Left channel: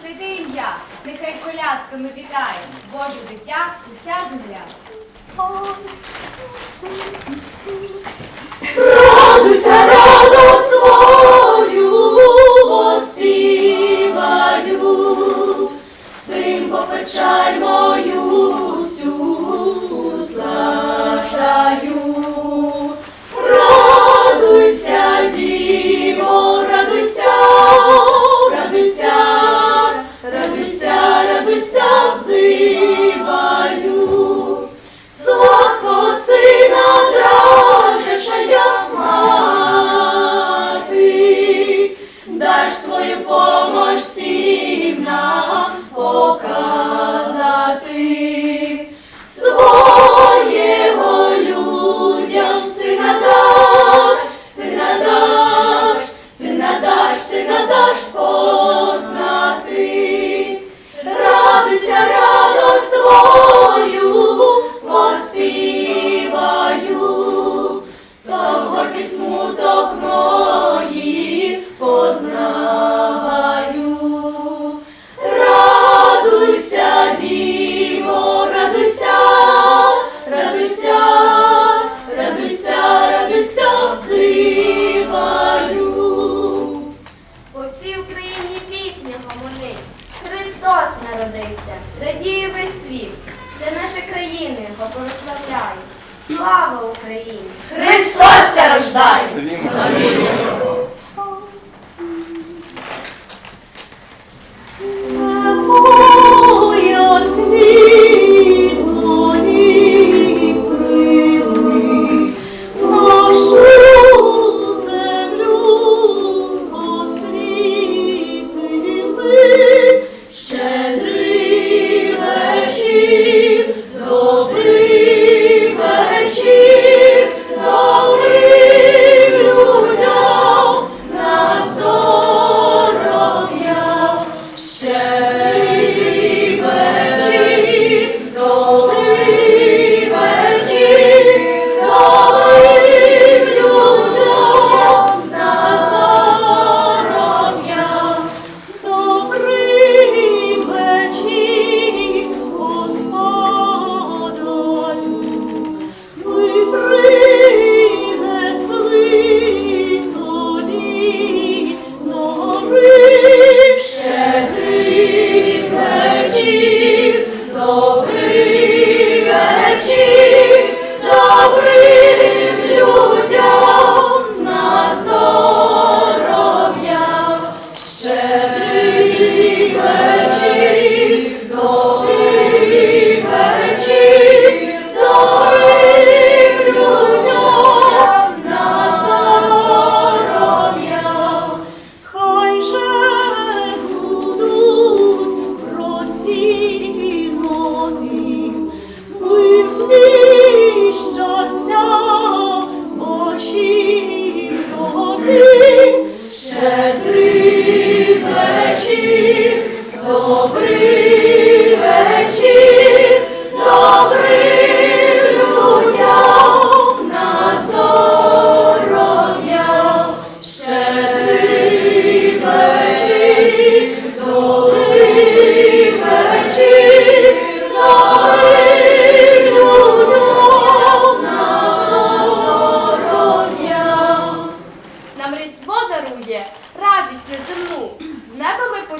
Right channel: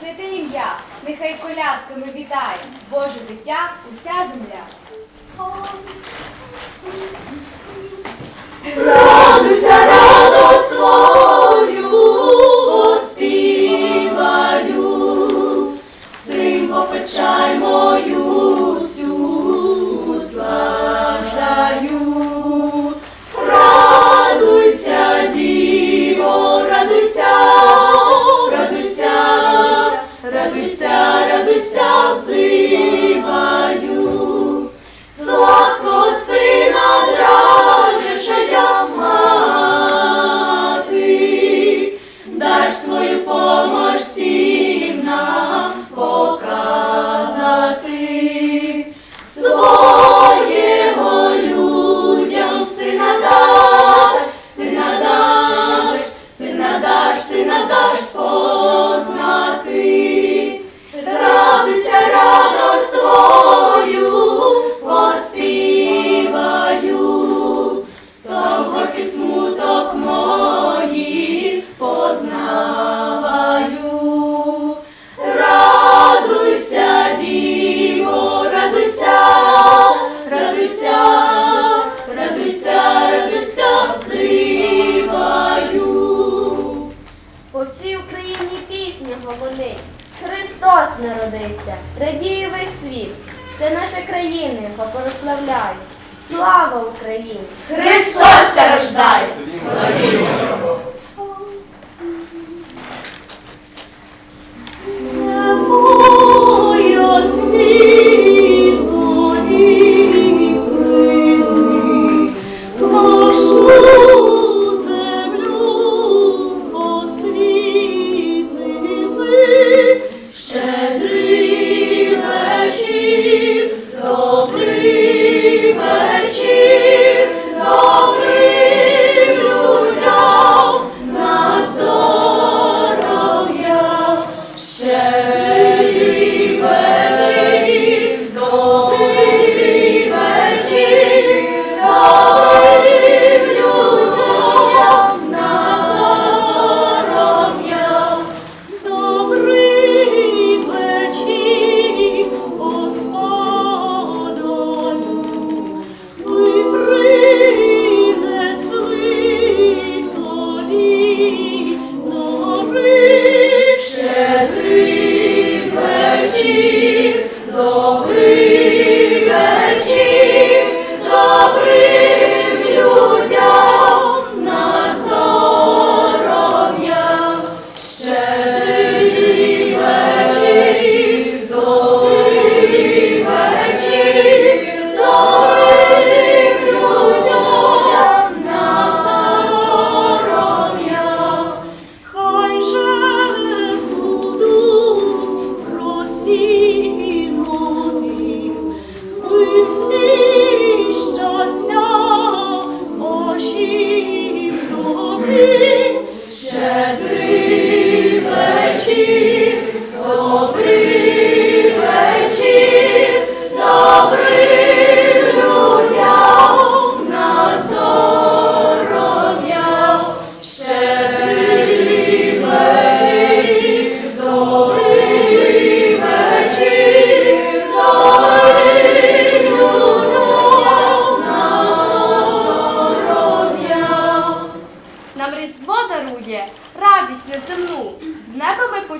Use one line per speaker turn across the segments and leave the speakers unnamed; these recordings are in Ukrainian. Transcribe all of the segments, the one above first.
святе
ім'я, нехай колядками вітає Боже дитя, уся земля. Радуйся, радость твою,
оспіваю, син попечай мою. Jesus.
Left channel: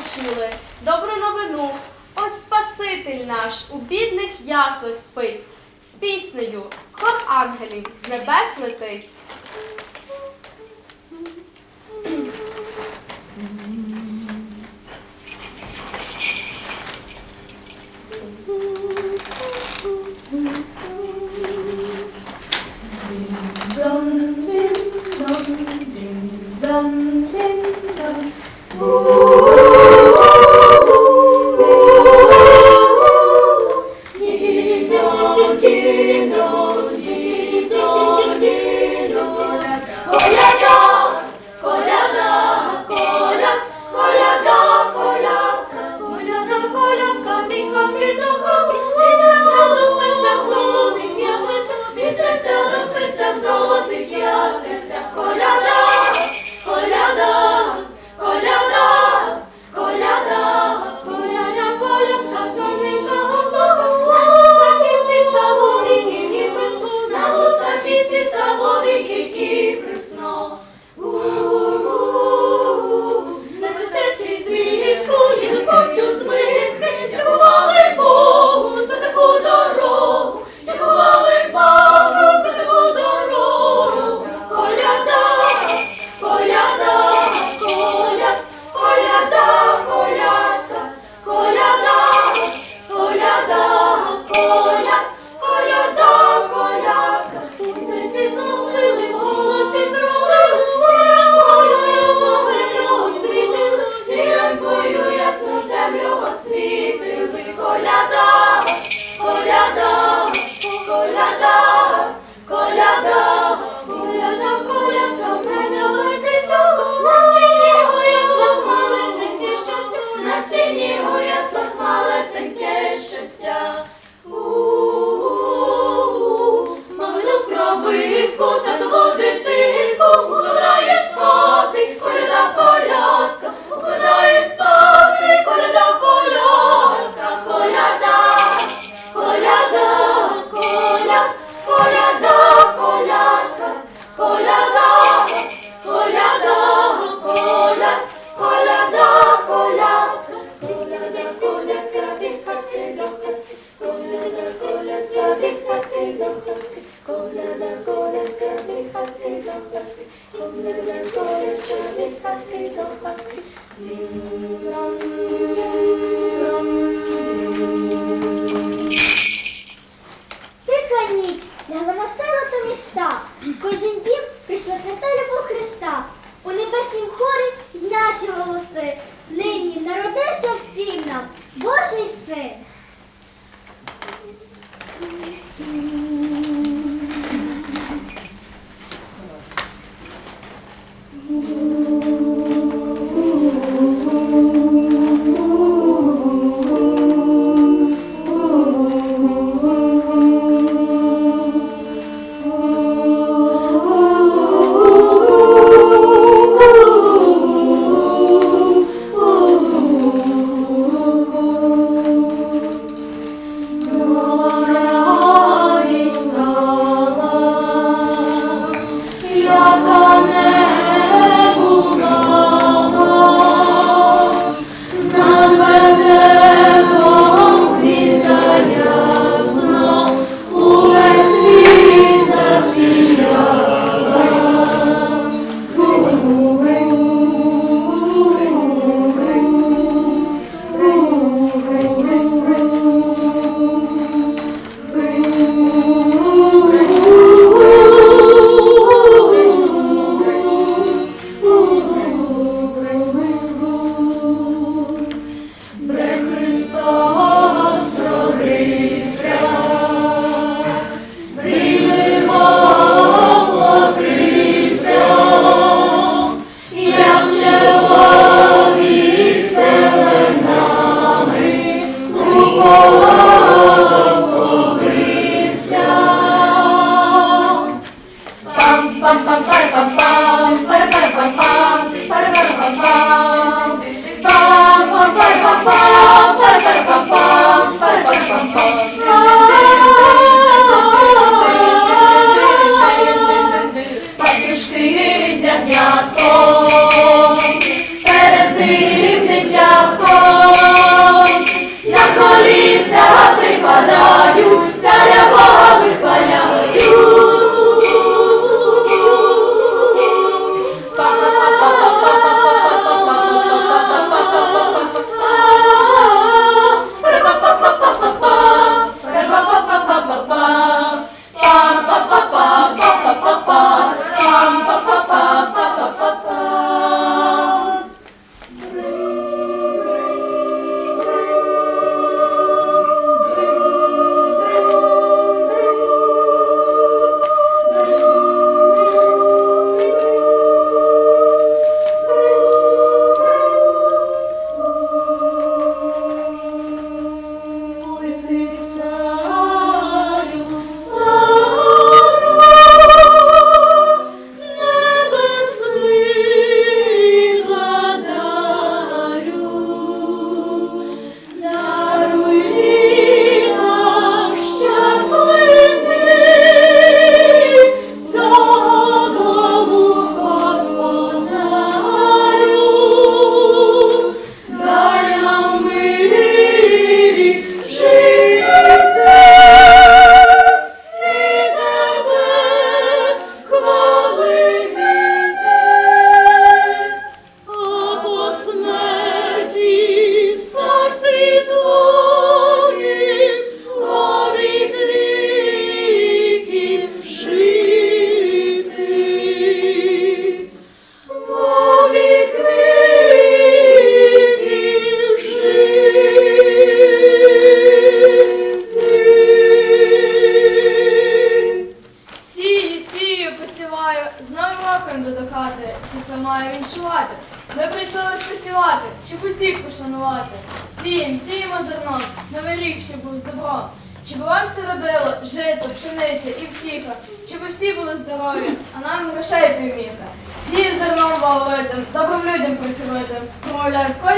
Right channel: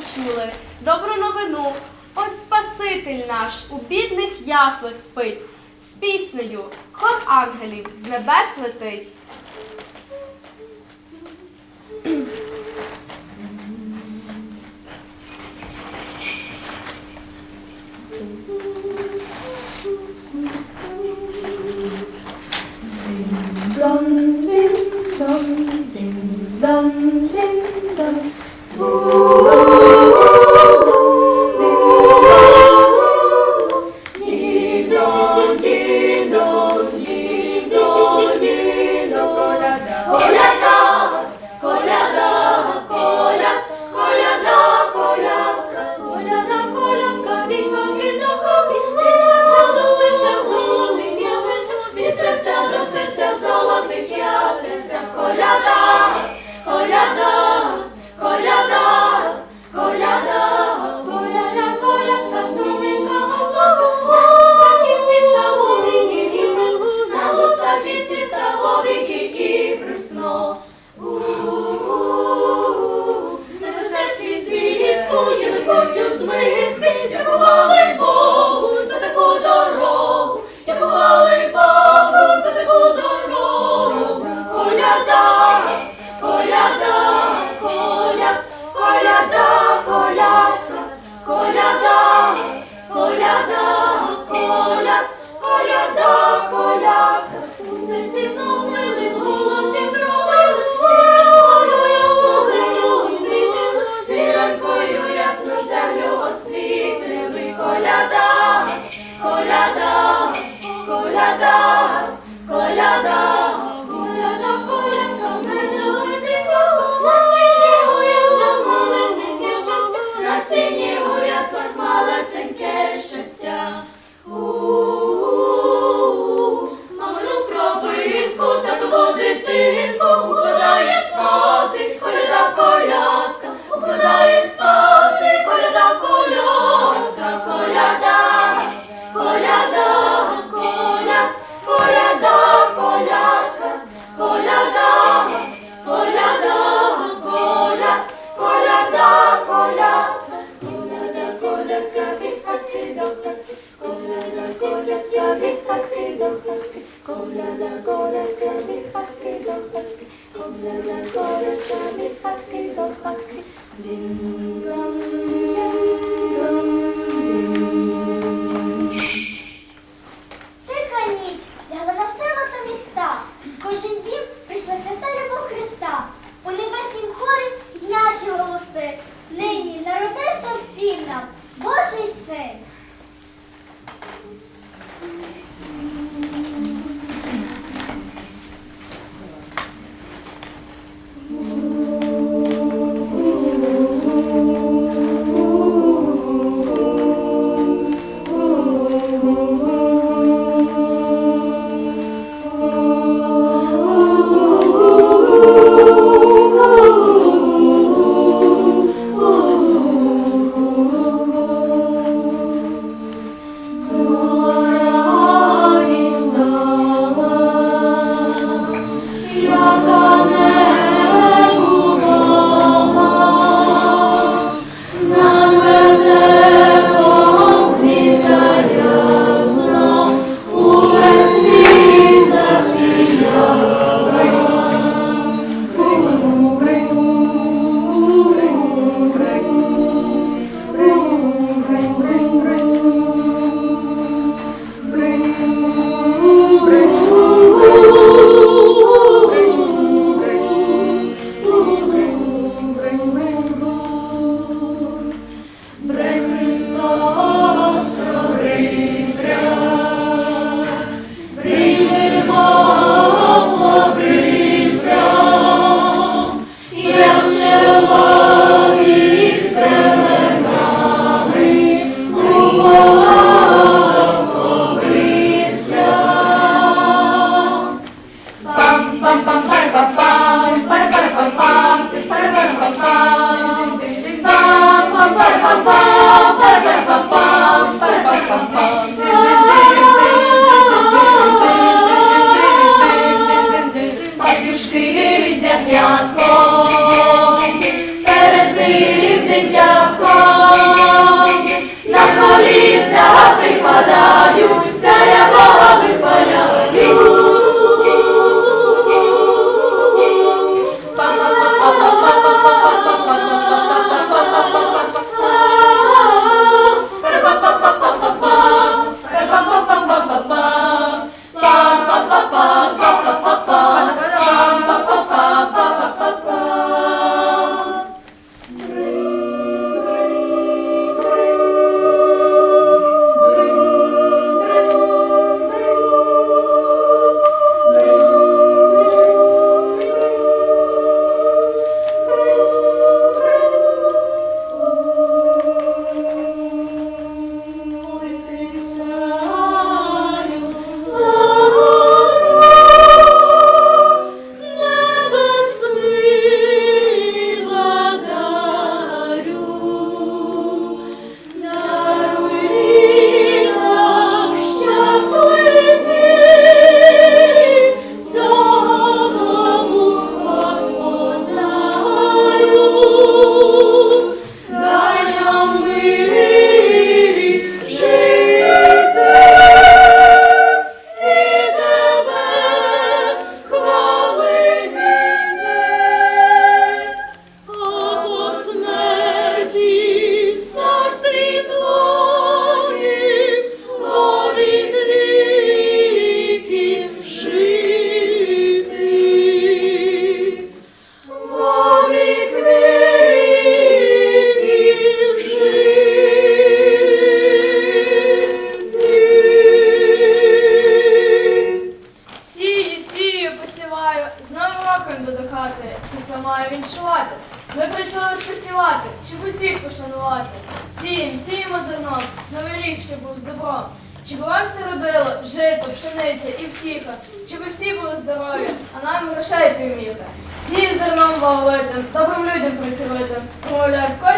почули добру новину, ось Спаситель наш у бідних яслах спить, з піснею хлоп ангелів з небес летить. Dum, dum, dum, dum. Thank you.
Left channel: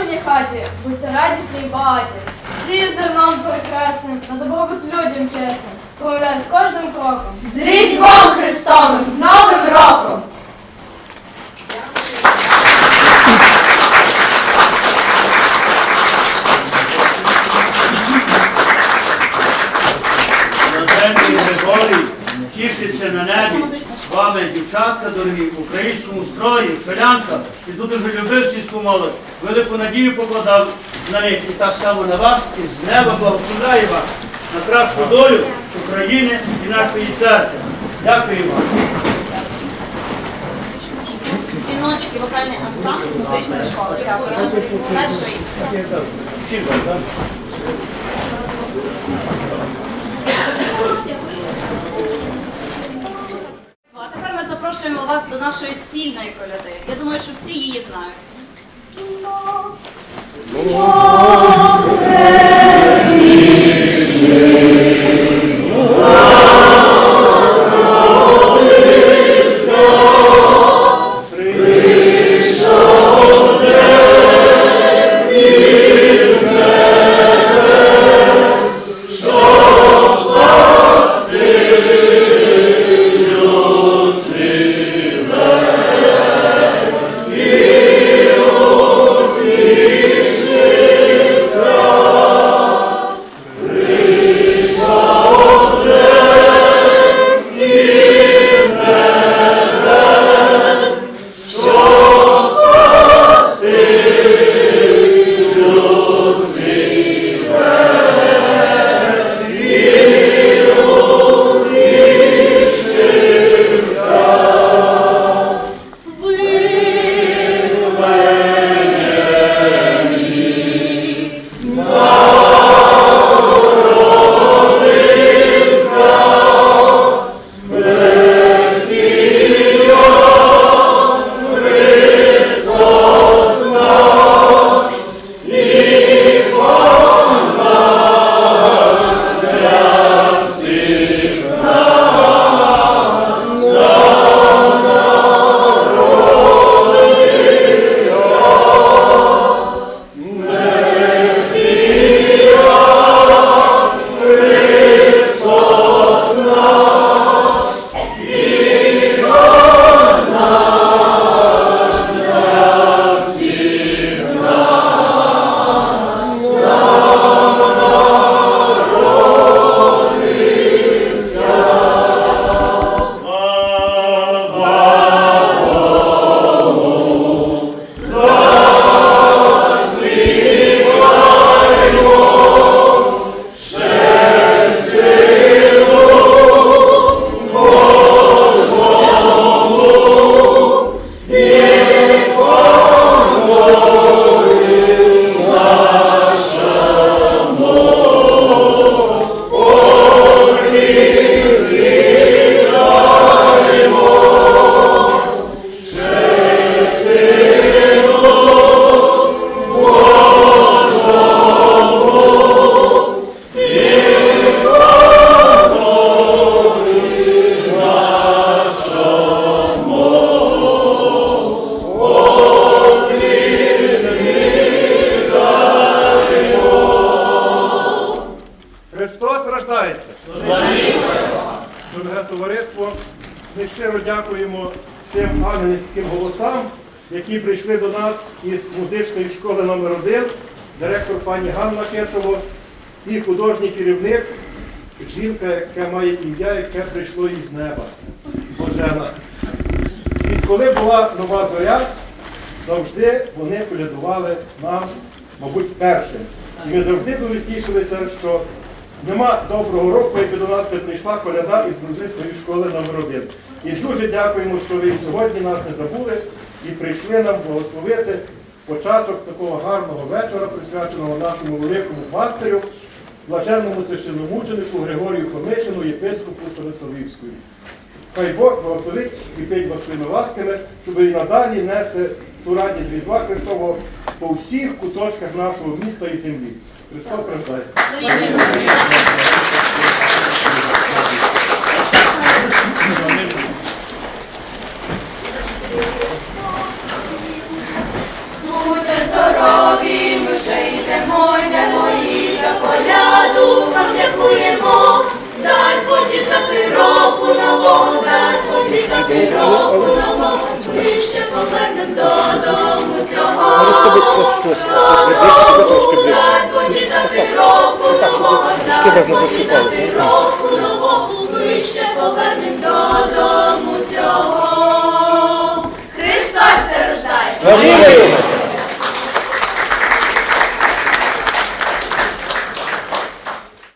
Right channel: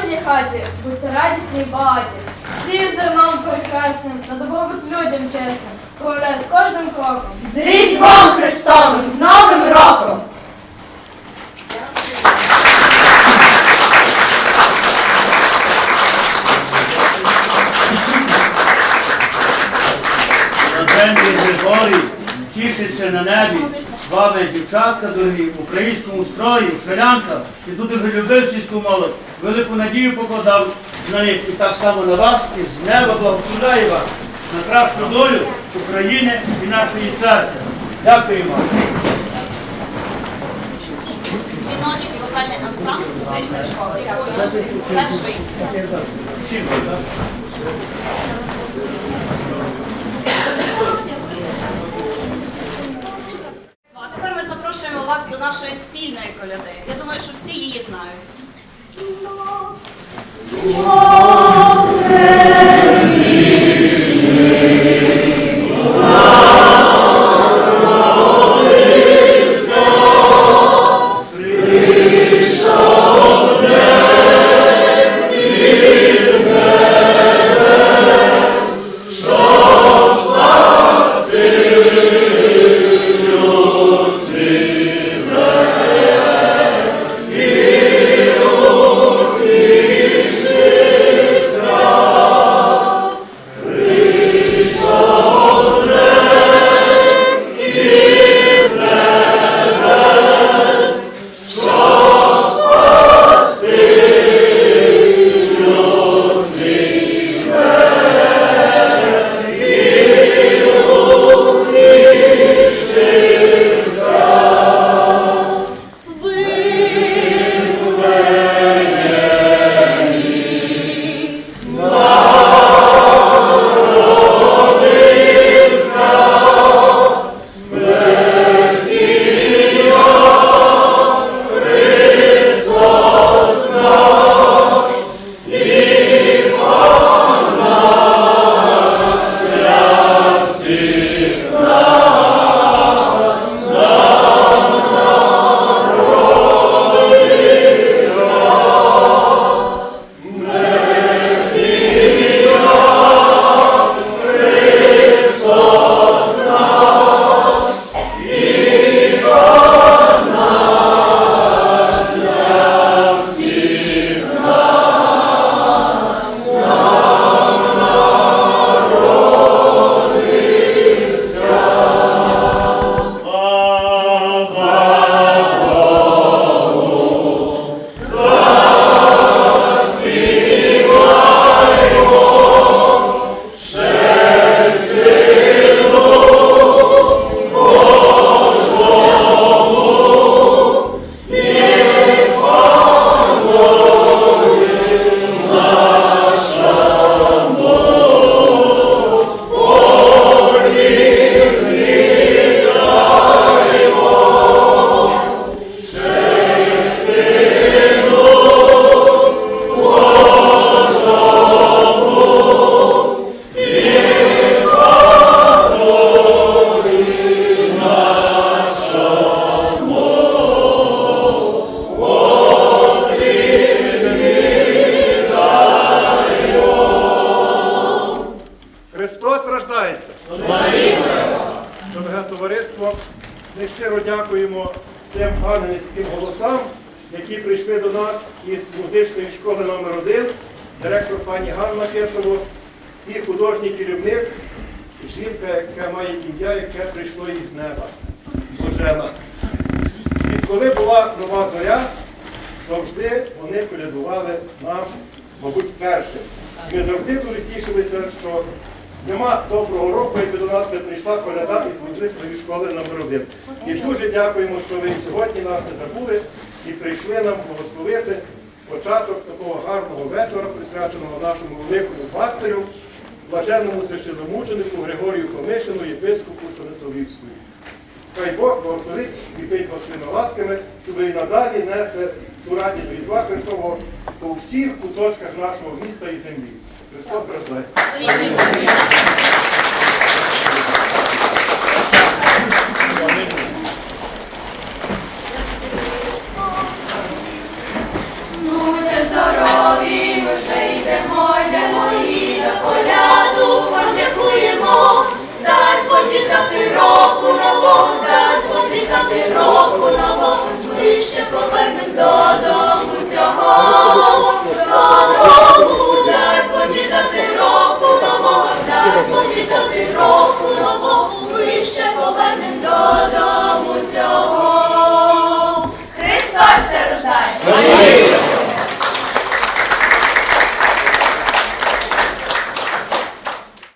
Божій хаті, будьте радісні багаті. Всі зерном прекрасним, на добробут людям чесним, промовляю з кожним кроком.
З Різдвом Христовим, з Новим роком!
Тішиться на небі, вами дівчатка дорогі, в українському строї, шалянка, і тут дуже любив сільську молодь велику надію покладав на них і так само на вас, і з неба благословляє вас на кращу долю України і нашої церкви.
Дякую.
Вам?
А тепер ми запрошуємо вас до нашої
Христос ми щиро дякуємо цим ангельським голосам, які прийшли до нас із музичної школи номер 1 директор пані Ганна Кирцево і художній керівник, жінка, яка має ім'я, яке прийшло із неба. Божена. І коли була нова зоря, завжди вони колядували нам, мабуть, першим. Ми завжди дуже тішилися, що нема доброго року, якби до нас не прийшла коляда із музичної школи номер 1. І дуже дякуємо, що ви сьогодні нас не забули і прийшли нам благословити початок такого гарного вечора, присвяченого нашому великому пастирю, блаженному священномученику Григорію Хомишину, єпископу Станиславівської. Хай Бог благословить і вас своїми ласками, щоб і надалі несли цю радість Різдва Христового по всіх куточках нашого міста і землі. Христос рождається.
Будьте здорові, ми вже йдемо, йдемо і за коляду вам дякуємо. Дасть Бог року нового, дасть Бог діждати року нового. Ми ще повернем додому цього року так, ну, так, щоб трішки вас не заступалося. Ми ще повернемо додому цього. Христос рождається!